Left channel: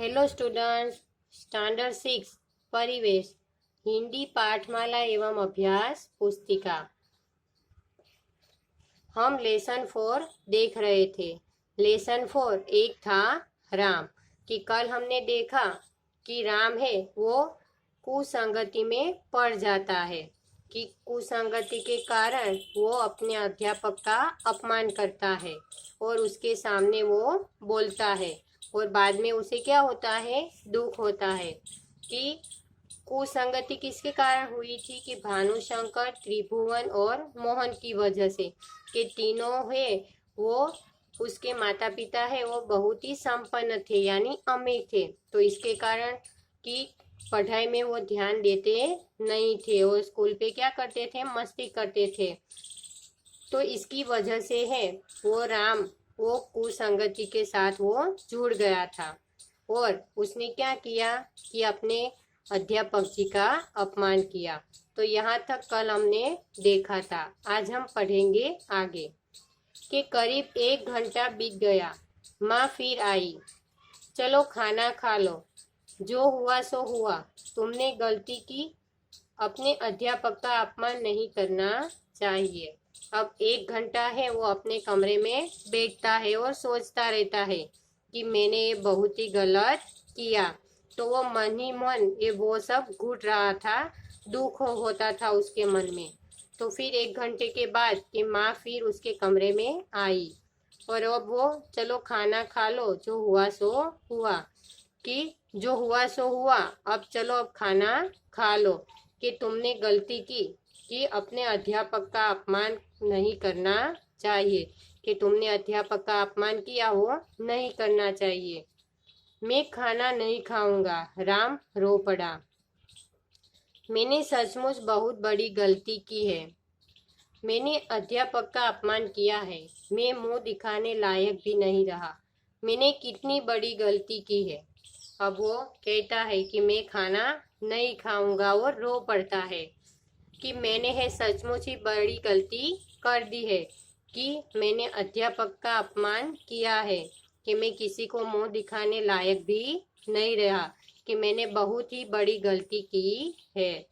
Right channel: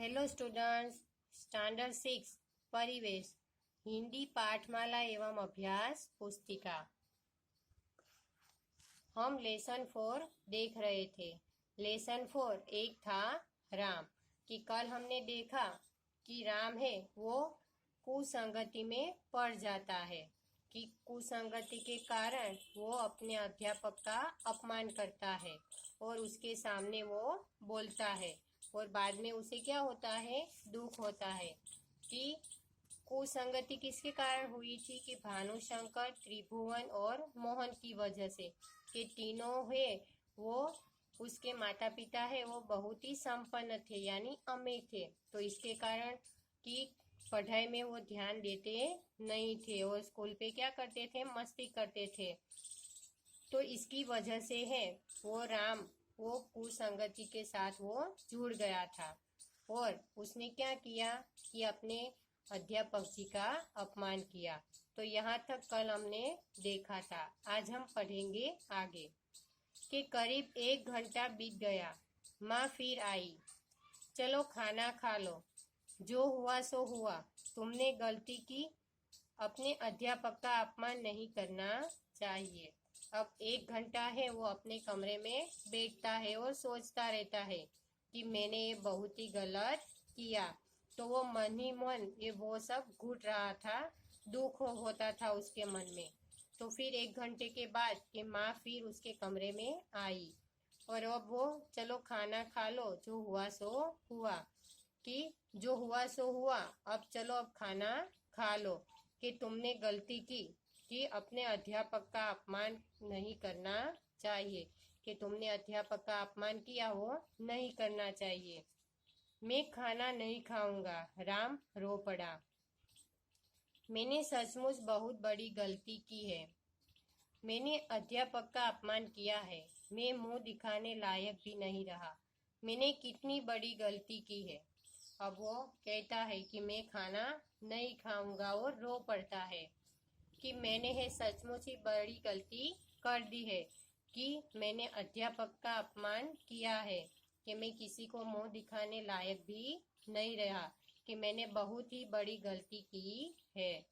Hello students, standard 6 परिवेश हिंदी पाठमाला एवं अभ्यास पुस्तिका। हम लेसन 4 देख रहे थे। लेसन 4 एक था राम। कि कल हमने देखा कि राम है वो कुसंगति में पड़ जाता है, कि कुसंगति के कारण वो अपने अध्यापक का अपमान करता है और उसके सामने वो बोलता है और बाद में उसे क्या होता है, दुख होता है। कि कुसंगति किसके कारण हुई थी? कि भानुशंकर, त्रिभुवन और मोहन की वजह से। कि तीनों है वो उसके माता पिता है वो बहुत ही संपन्न थे, यानी अमीर थे। तो इसके कारण कि पढ़ाई में वो ध्यान देते नहीं थे और स्कूल पे क्या करते थे, मस्ती करते थे। तो इसकी वजह से है वो राम वो कुसंगति के साथ वो जुड़ गया था और उसने क्या किया कि अपने अध्यापक जी का अपमान किया। तो यहाँ तक कल हमने देखा था। आज हम पढ़ेंगे आगे। कि करीब 1 घंटा बीत गया। माँ फिर आई। चलो खाना खा लो। जो हुआ सो हुआ। तुमने गलती की। अपने अध्यापक का अपमान नहीं करना चाहिए। अब 1 घंटा है वो अपने कमरे में बैठता है और सोचता रहता है कि मैंने ये बहुत ही गलत किया। तो वो मन ही मन ये वो सब घुट रहा था, दुख होता था उसके मन में। तो फिर 1 घंटे के बाद कि माँ फिर उसके कमरे में आई और अब वो चलो खाना खा लो, जो हुआ सो हुआ। कि जो हुआ सो हुआ, अब चलो अब खाना खा लो। कि तुमने गलती की कि अपने अध्यापक का अपमान नहीं करना चाहिए। कि तुमने अध्यापक का अपमान किया वो नहीं करना चाहिए। मैं खाना नहीं खाऊंगा। राम रो पड़ा। मैंने सचमुच बहुत बड़ी गलती की है। मैंने अध्यापक का अपमान किया है। मैं मुंह दिखाने लायक भी नहीं रहा। मैंने कितनी बड़ी गलती की है। अब वो कहता है कि मैं खाना नहीं खाऊंगा और रो पड़ता है कि मैंने है सचमुच ही बड़ी गलती कर दी है। कि मैंने अध्यापक का अपमान किया है, कि मैं किसी को मुंह दिखाने लायक भी नहीं रहा, कि मैंने बहुत ही बड़ी गलती की है।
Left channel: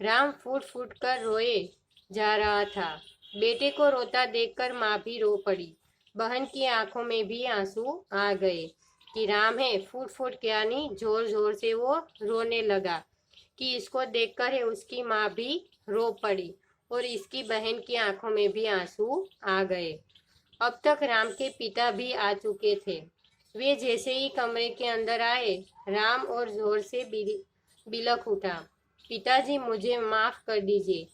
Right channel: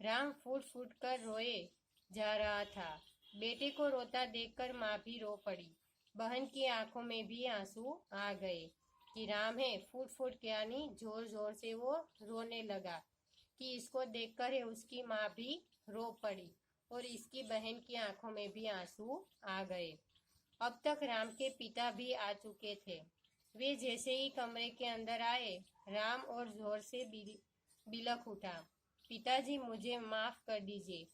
राम फूट फूट कर रोए जा रहा था। बेटे को रोता देखकर माँ भी रो पड़ी। बहन की आंखों में भी आंसू आ गए। कि राम है फूट फूट के यानी जोर जोर से वो रोने लगा। कि इसको देखकर है उसकी माँ भी रो पड़ी और इसकी बहन की आंखों में भी आंसू आ गए। अब तक राम के पिता भी आ चुके थे। वे जैसे ही कमरे के अंदर आए, राम और जोर से बिलख उठा। पिताजी मुझे माफ कर दीजिए,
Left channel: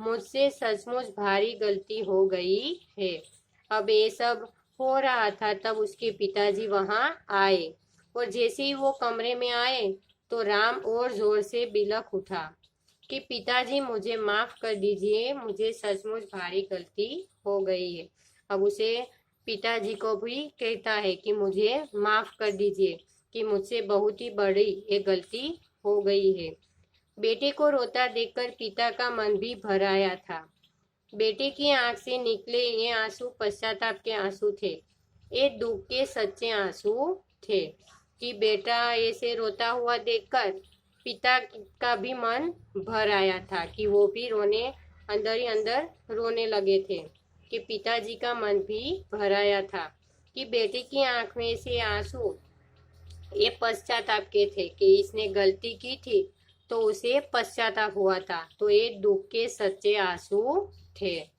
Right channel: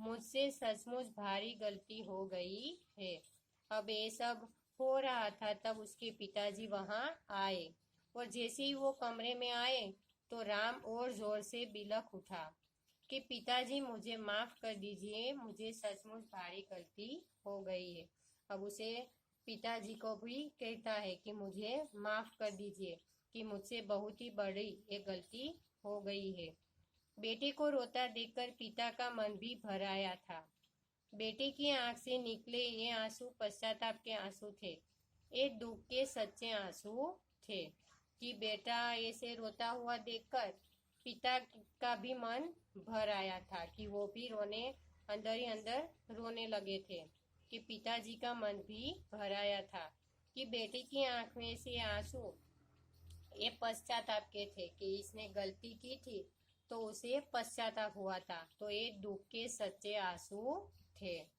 मुझसे सचमुच भारी गलती हो गई है। अब ये सब हो रहा था तब उसके पिताजी वहां आए और जैसे ही वो कमरे में आए तो राम और जोर से बिलख उठा कि पिताजी मुझे माफ कर दीजिए, मुझे सचमुच भारी गलती हो गई है। अब उसे पिताजी को भी कहता है कि मुझे माफ कर दीजिए, कि मुझसे बहुत ही बड़ी एक गलती हो गई है। बेटे को रोता देखकर पिता का मन भी भर आया था। बेटे की आंख से निकले ये आंसू पश्चाताप के आंसू थे। ये दुख के सच्चे आंसू थे। कि बेटा ऐसे रोता हुआ देखकर पिता का भी मन भर आया था, कि वो भी रोने अंदर ही अंदर रोने लगे थे। कि पिताजी का मन भी भर आया था कि बेटे की आंख में से आंसू ये पश्चाताप के थे कि इसने गलती की थी तो उसे पश्चाताप हुआ था। तो ये दुख के सच्चे आंसू थे।